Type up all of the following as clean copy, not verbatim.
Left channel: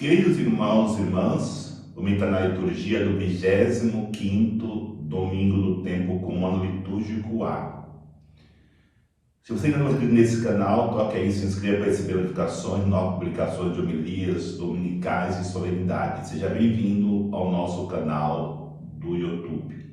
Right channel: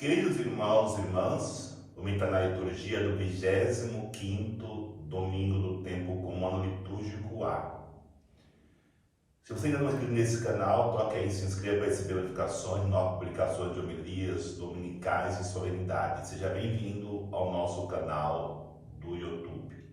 Queridos irmãos e irmãs, vamos entrar na liturgia do 25º domingo do tempo comum, ano litúrgico A. Se você ainda não é inscrito nesse canal, toque aí, se inscreva para receber notificações, novas publicações de homilias dominicais e solenidades. Seja bem-vindo ao nosso canal do YouTube.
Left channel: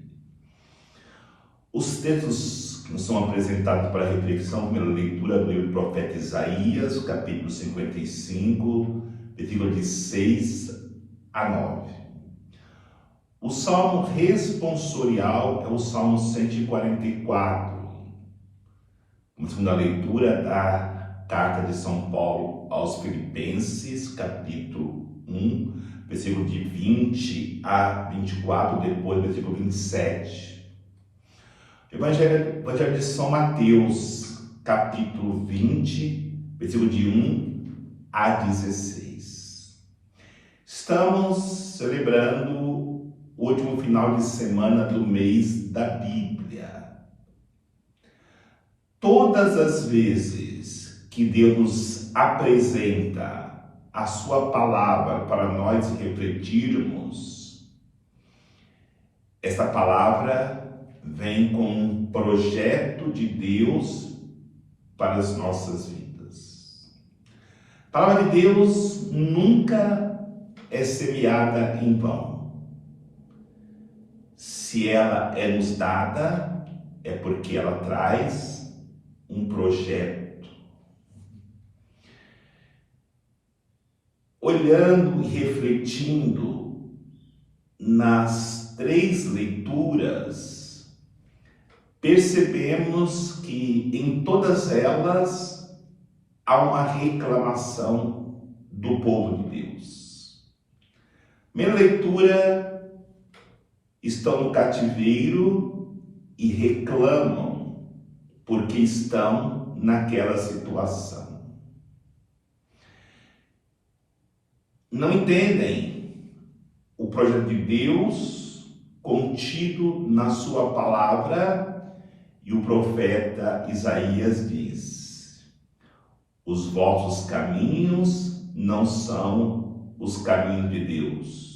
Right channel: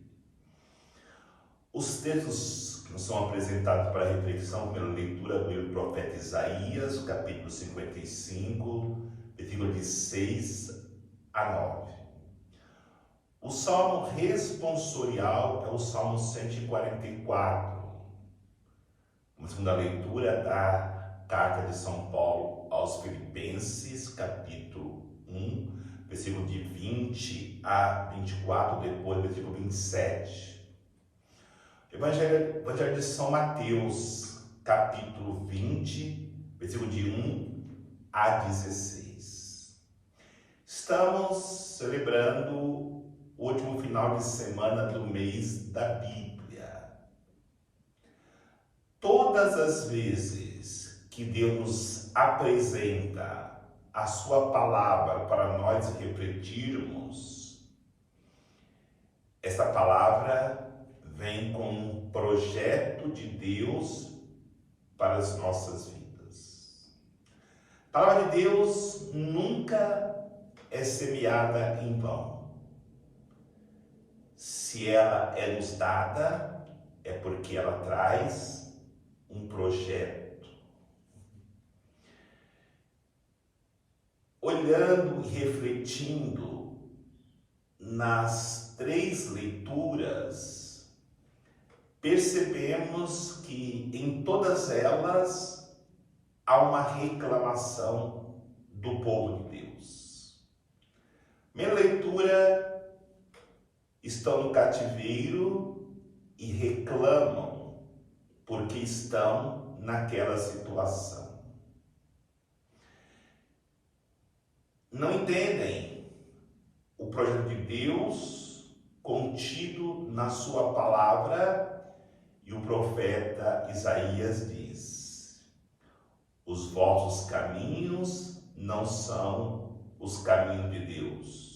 Os textos que nos são apresentados para reflexão, primeira leitura do livro do profeta Isaías, capítulo 55, versículo de 6 a 9. O salmo responsorial é o salmo 144. Uma segunda leitura da carta de São Paulo aos Filipenses, capítulo 1, versículo de 20 a 24, depois versículo 27. Evangelho de São Mateus, capítulo 20, versículo de 1 a 16. Estamos celebrando o último final de semana do mês da Bíblia. Todas as vezes que Deus nos apresenta a sua palavra para nós refletirmos, essa palavra vem com um projeto de Deus para as nossas vidas. A palavra de Deus nunca é semeada em vão. Se ela é nos dada, é porque ela traz um projeto. Olhando e refletindo nas três leituras, percebemos que em todas elas há uma reclamação do povo de Deus. Primeira leitura, estão no cativeiro e reclamam porque estão naquela situação. Não entendem o projeto de Deus contido na sua palavra, e o profeta Isaías diz: os vossos caminhos não são os caminhos de Deus.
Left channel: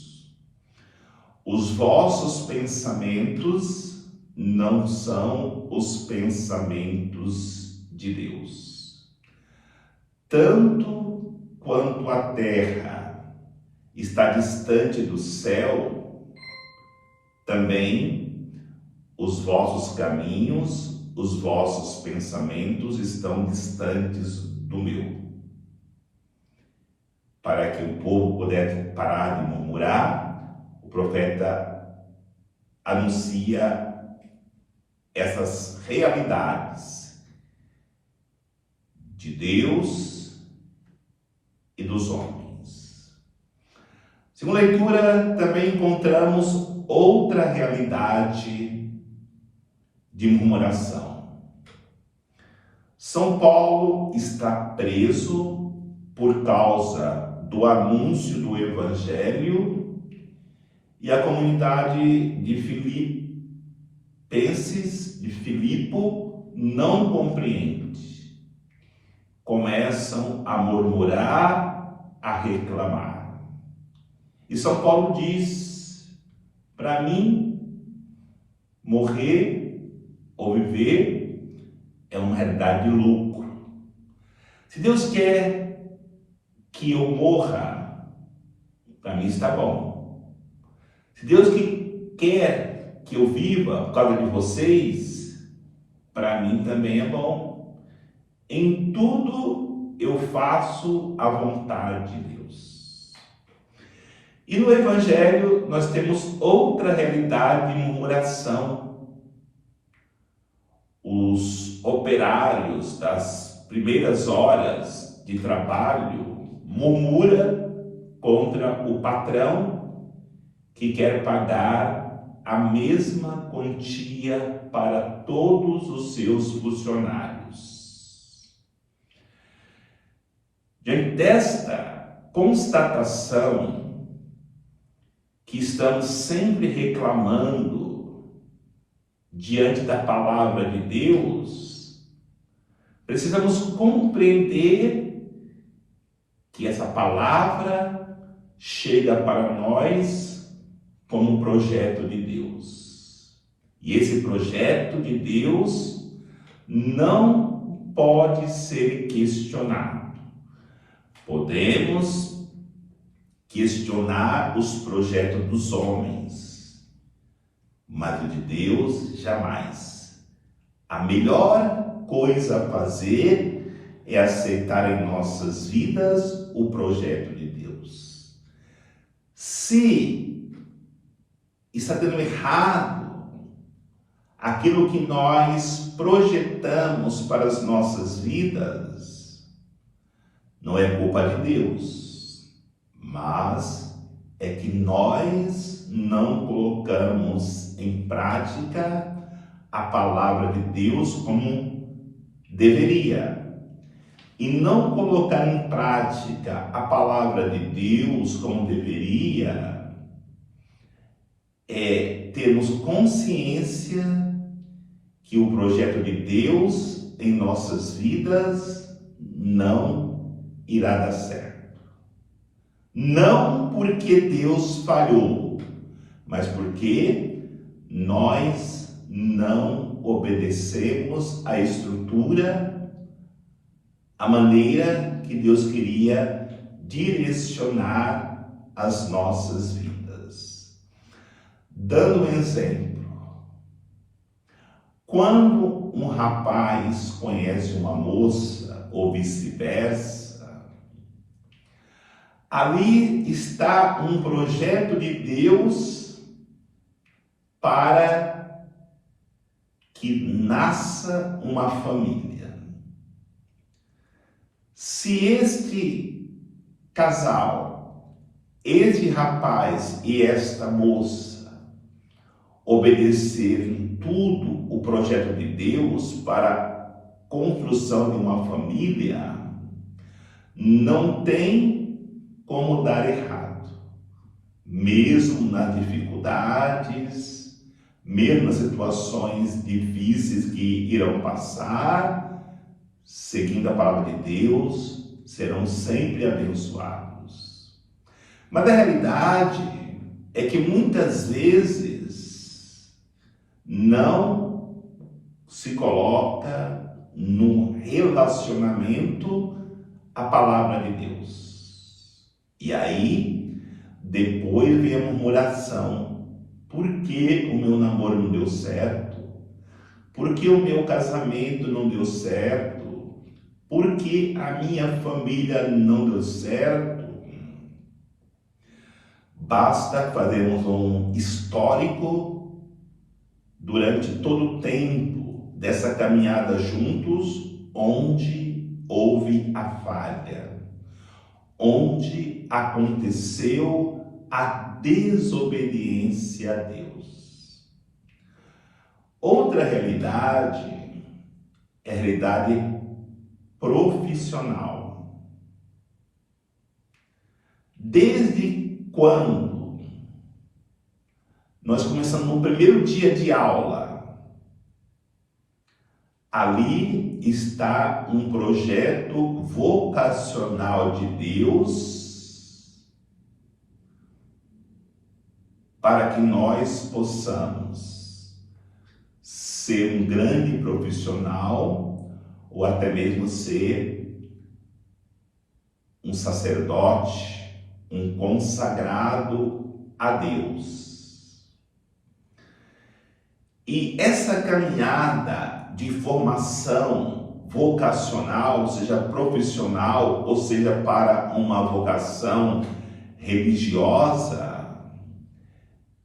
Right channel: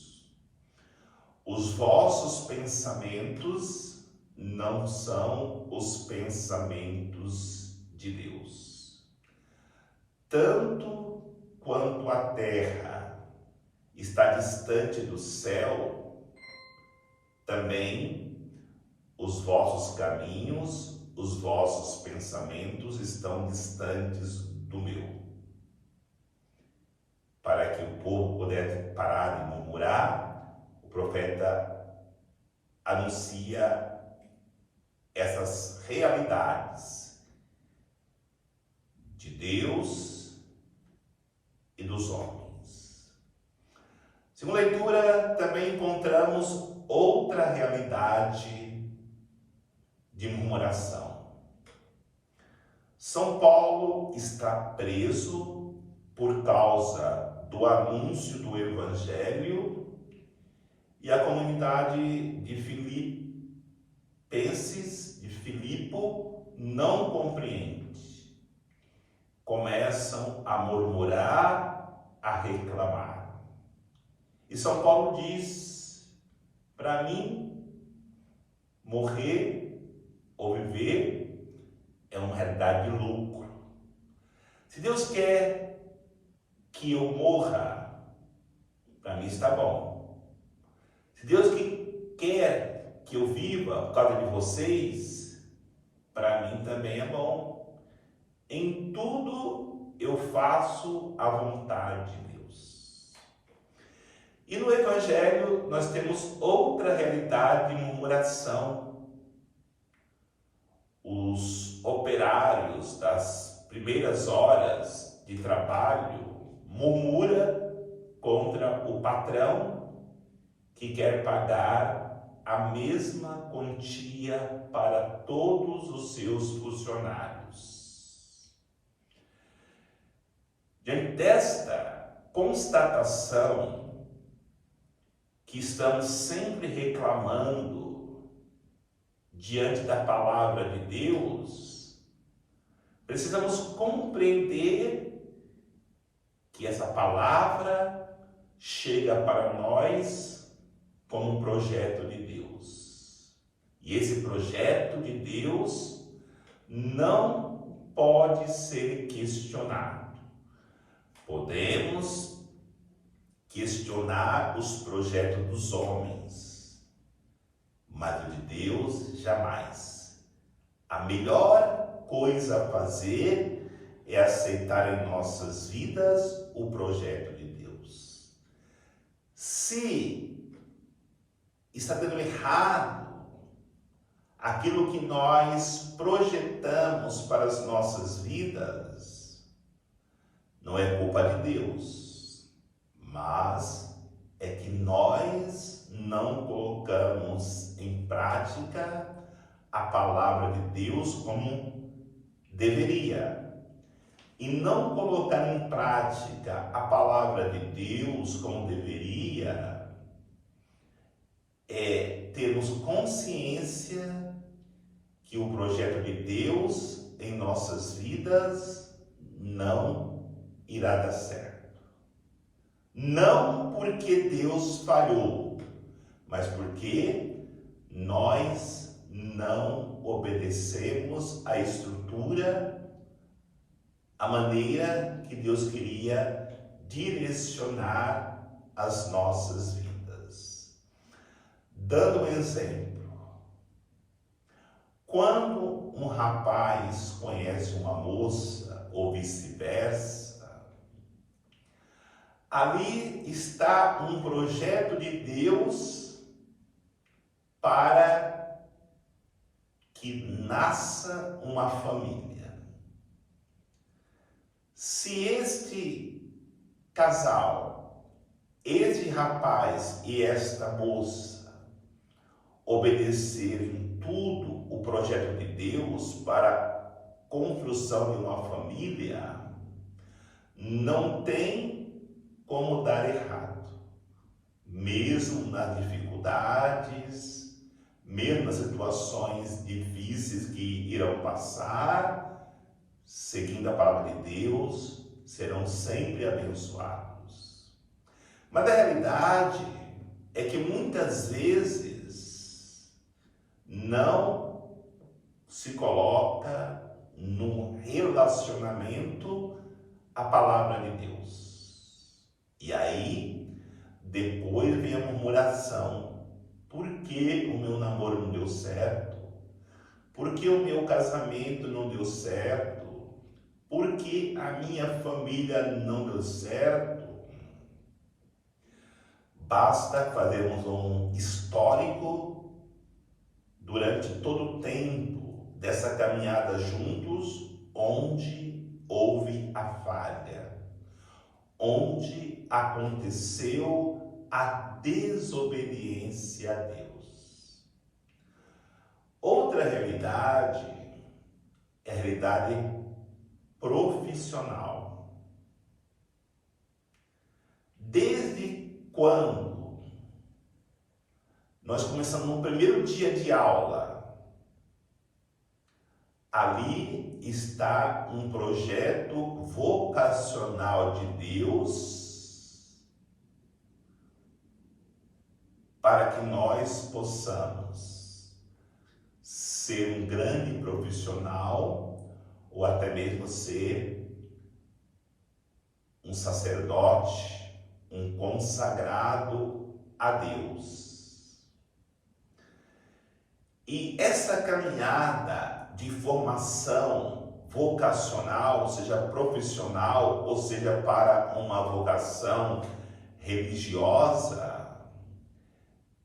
Os vossos pensamentos não são os pensamentos de Deus. Tanto quanto a terra está distante do céu, também os vossos caminhos, os vossos pensamentos estão distantes do meu. Para que o povo pudesse parar de murmurar, o profeta anuncia essas realidades de Deus e dos homens. Segunda leitura, também encontramos outra realidade de murmuração. São Paulo está preso por causa do anúncio do Evangelho, e a comunidade de Filipenses, de Filipo, não compreende. Começam a murmurar, a reclamar. E São Paulo diz: para mim, morrer ou viver é uma realidade de lucro. Se Deus quer que eu morra, para mim está bom. Se Deus quer que eu viva por causa de vocês, para mim também é bom. Em tudo eu faço a vontade de Deus. E no Evangelho nós temos outra realidade de murmuração. Os operários das primeiras horas de trabalho murmuram contra o patrão que quer pagar a mesma quantia para todos os seus funcionários. Diante desta constatação que estamos sempre reclamando diante da palavra de Deus, precisamos compreender que essa palavra chega para nós como um projeto de Deus. E esse projeto de Deus não pode ser questionado. Podemos questionar os projetos dos homens, mas o de Deus jamais. A melhor coisa a fazer é aceitar em nossas vidas o projeto de Deus. Se está dando errado aquilo que nós projetamos para as nossas vidas, não é culpa de Deus, mas é que nós não colocamos em prática a palavra de Deus como deveria. E não colocar em prática a palavra de Deus como deveria é termos consciência que o projeto de Deus em nossas vidas não irá dar certo. Não porque Deus falhou, mas porque nós não obedecemos a estrutura, a maneira que Deus queria direcionar as nossas vidas. Dando um exemplo, quando um rapaz conhece uma moça ou vice-versa, ali está um projeto de Deus para que nasça uma família. Se este casal, este rapaz e esta moça obedecerem tudo o projeto de Deus para a construção de uma família, não tem como dar errado. Mesmo nas dificuldades, mesmo nas situações difíceis que irão passar, seguindo a palavra de Deus, serão sempre abençoados. Mas a realidade é que muitas vezes não se coloca no relacionamento a palavra de Deus. E aí, depois vem a murmuração. Por que o meu namoro não deu certo? Por que o meu casamento não deu certo? Por que a minha família não deu certo? Basta fazermos um histórico durante todo o tempo dessa caminhada juntos, onde houve a falha, onde aconteceu a desobediência a Deus. Outra realidade é a realidade profissional. Desde quando nós começamos no primeiro dia de aula, ali está um projeto vocacional de Deus para que nós possamos ser um grande profissional ou até mesmo ser um sacerdote, um consagrado a Deus. E essa caminhada de formação vocacional, seja profissional, ou seja para uma vocação religiosa,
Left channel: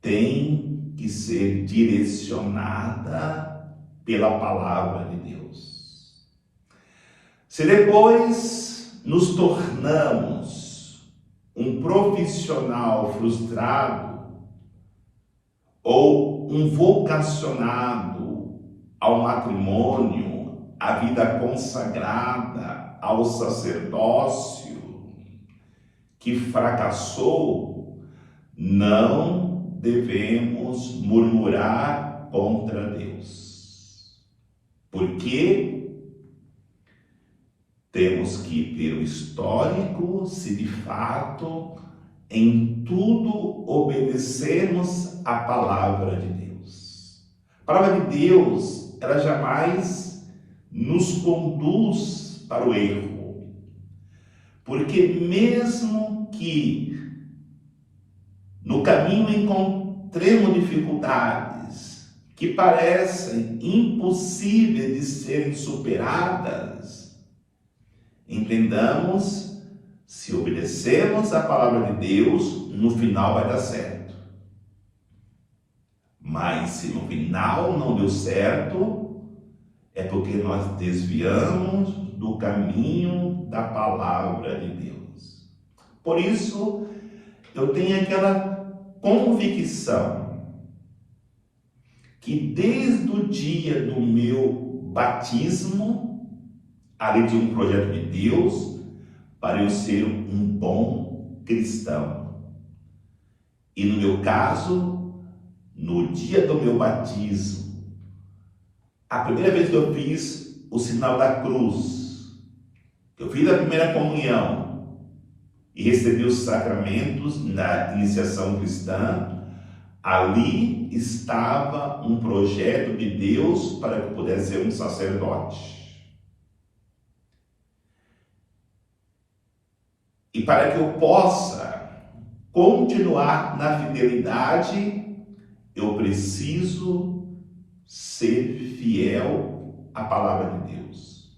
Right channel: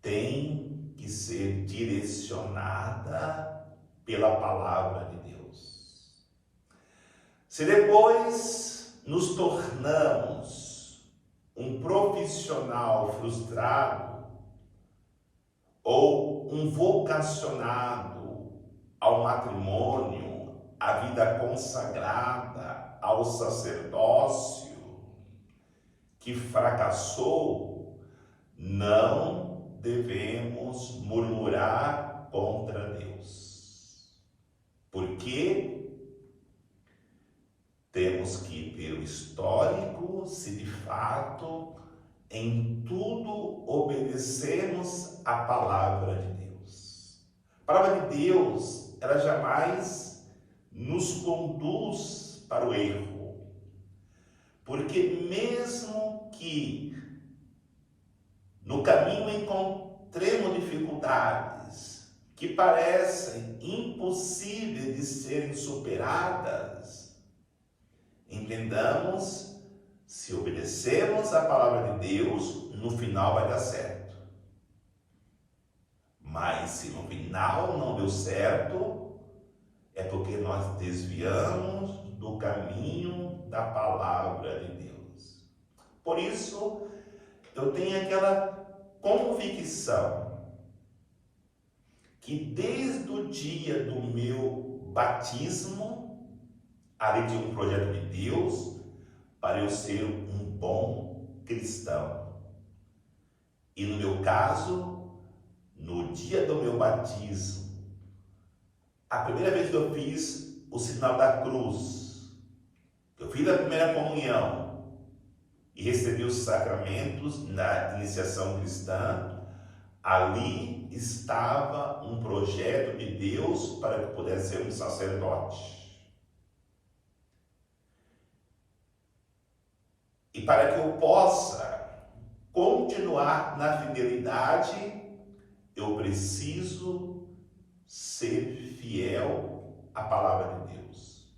tem que ser direcionada pela palavra de Deus. Se depois nos tornamos um profissional frustrado ou um vocacionado ao matrimônio, à vida consagrada, ao sacerdócio, que fracassou, não devemos murmurar contra Deus. Porque temos que ter o histórico, se de fato em tudo obedecemos a palavra de Deus. A palavra de Deus, ela jamais nos conduz para o erro. Porque mesmo que no caminho encontremos dificuldades que parecem impossíveis de serem superadas, entendamos, se obedecemos a palavra de Deus, no final vai dar certo. Mas se no final não deu certo, é porque nós desviamos do caminho da palavra de Deus. Por isso, eu tenho aquela convicção que desde o dia do meu batismo, ali de um projeto de Deus, para eu ser um bom cristão. E no meu caso, no dia do meu batismo, a primeira vez que eu fiz o sinal da cruz, que eu fiz a primeira comunhão e recebi os sacramentos na iniciação cristã, ali estava um projeto de Deus para que eu pudesse ser um sacerdote. E para que eu possa continuar na fidelidade, eu preciso ser fiel à palavra de Deus.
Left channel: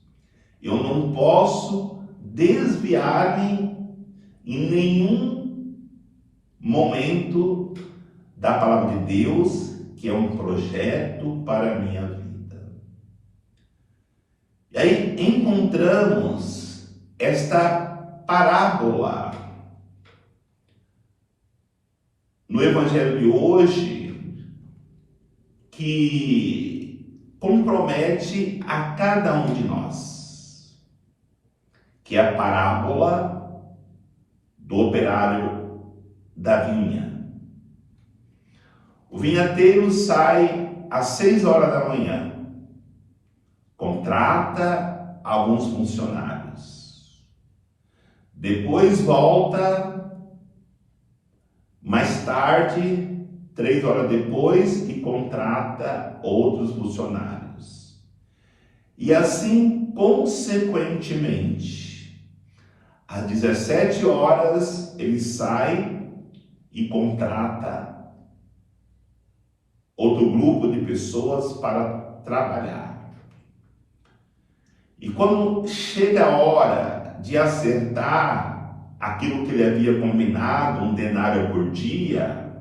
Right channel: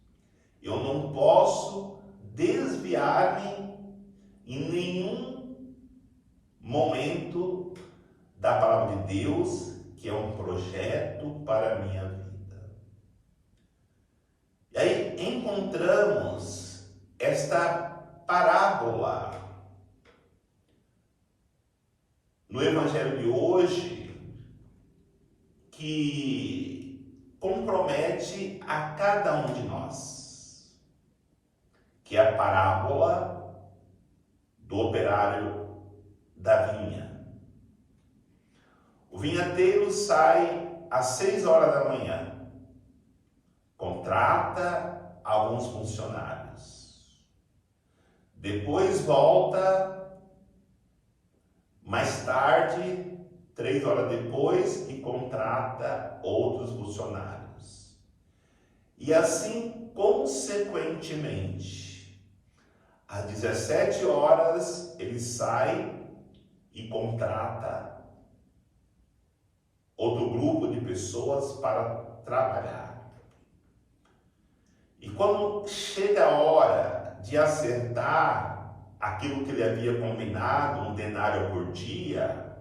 Eu não posso desviar-me em nenhum momento da palavra de Deus, que é um projeto para a minha vida. E aí encontramos esta parábola no Evangelho de hoje, que compromete a cada um de nós, que é a parábola do operário da vinha. O vinhateiro sai às 6 horas da manhã, contrata alguns funcionários. Depois volta mais tarde, 3 horas depois, e contrata outros funcionários. E assim, consequentemente, às 17 horas, ele sai e contrata outro grupo de pessoas para trabalhar. E quando chega a hora de acertar aquilo que ele havia combinado, um denário por dia,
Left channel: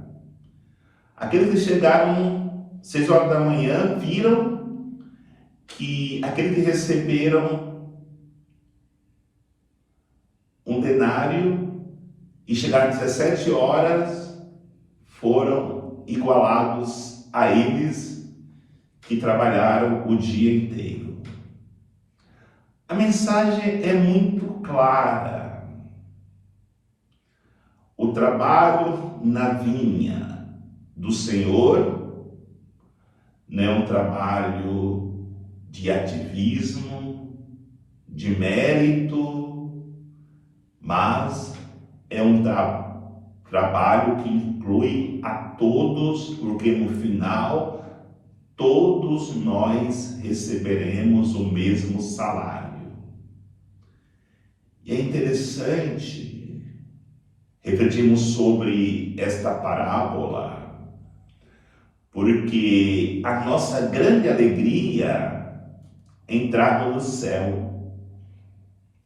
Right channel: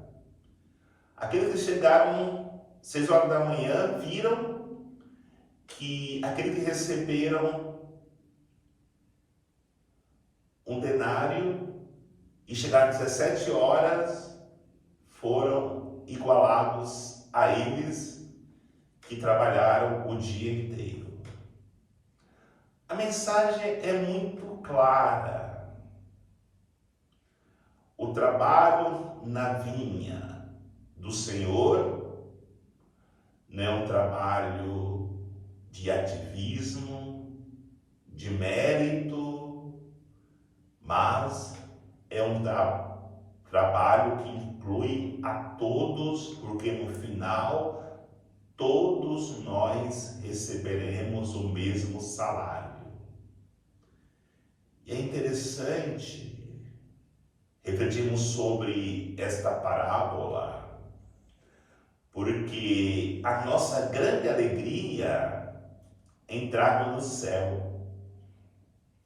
aqueles que chegaram 6 horas da manhã viram que aqueles que receberam um denário e chegaram às 17 horas foram igualados a eles que trabalharam o dia inteiro. A mensagem é muito clara. O trabalho na vinha do Senhor não é um trabalho de ativismo, de mérito, mas é um trabalho que inclui a todos, porque no final todos nós receberemos o mesmo salário. E é interessante refletirmos sobre esta parábola, porque a nossa grande alegria é entrarmos no céu.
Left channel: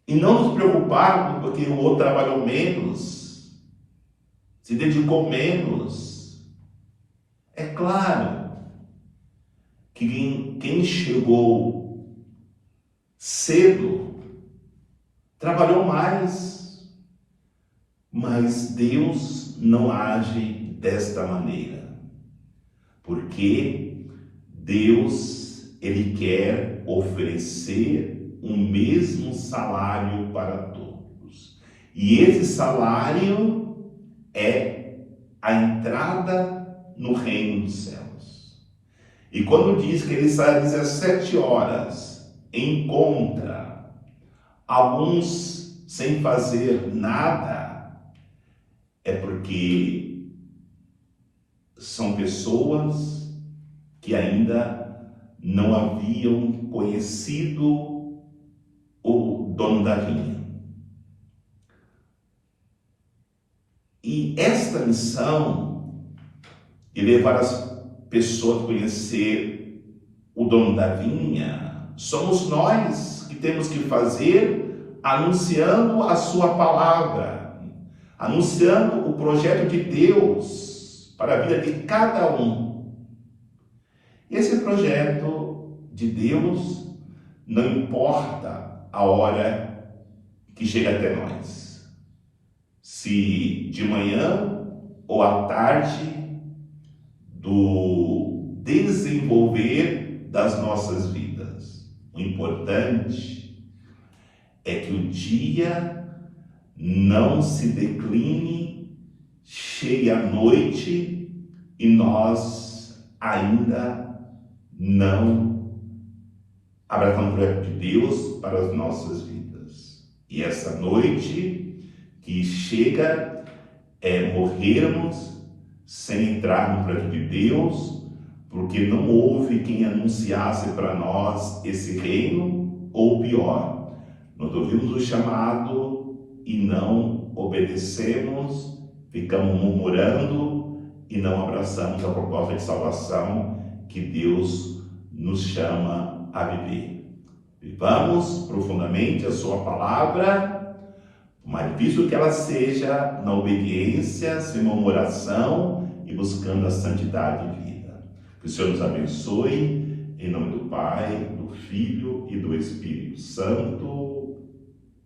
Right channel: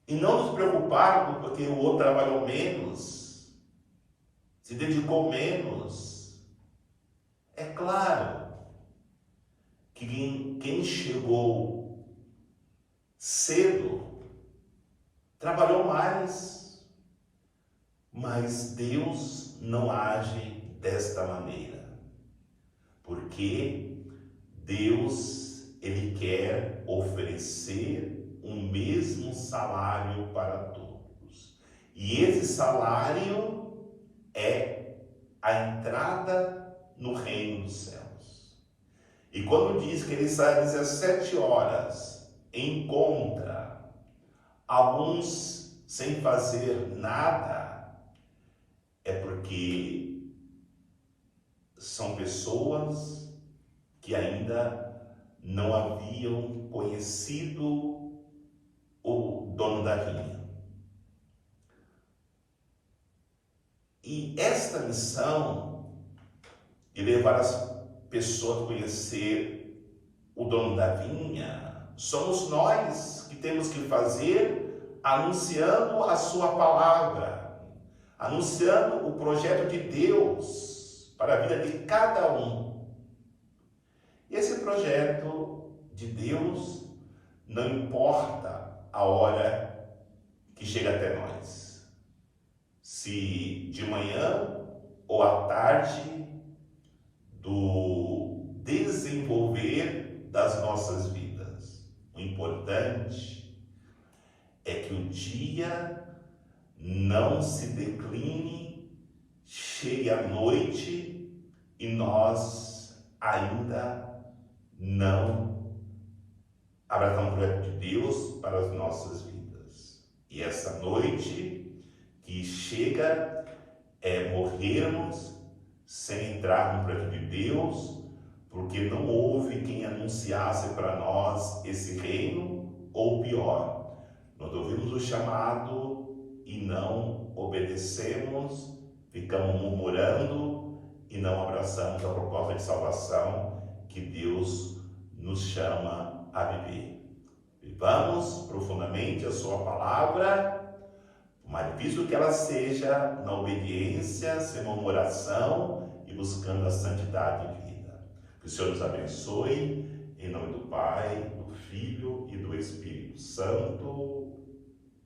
E não nos preocuparmos porque o outro trabalhou menos, se dedicou menos. É claro que quem chegou cedo trabalhou mais, mas Deus não age desta maneira, porque Deus, Ele quer oferecer o mesmo salário para todos, e esse salário é a entrada no reino dos céus. E quando diz que ele sai às 17 horas, encontra alguns sem fazer nada, é porque são pessoas que ainda não haviam conhecido o dono da vinha. E esta missão de levar as pessoas a conhecer o dono da vinha, somos nós que temos que fazer, anunciando a sua palavra, anunciando o projeto de Deus para a vida de cada um. Esse projeto de Deus não importa a hora que chega até nós, se de manhã ou à tarde do desenvolver das nossas vidas. O importante é que o dia não se decline, chegue a noite e nós ainda não abraçamos o projeto de Deus para as nossas vidas. E essa noite que chega é morrermos sem entrar no projeto de Deus, porque não houve quem anunciasse para nós esse reino, ou pior, nós ouvimos o chamado e não obedecemos, ficamos murmurando e não abraçamos a proposta de salvação que Deus nos chama a viver. Vivamos profundamente a sua palavra, mais difícil que ela seja, na obediência, sem murmuração e buscando a santidade de vida. Que o Senhor nos abençoe, em nome do Pai, do Filho e do Espírito Santo.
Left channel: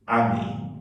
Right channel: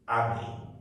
Amém.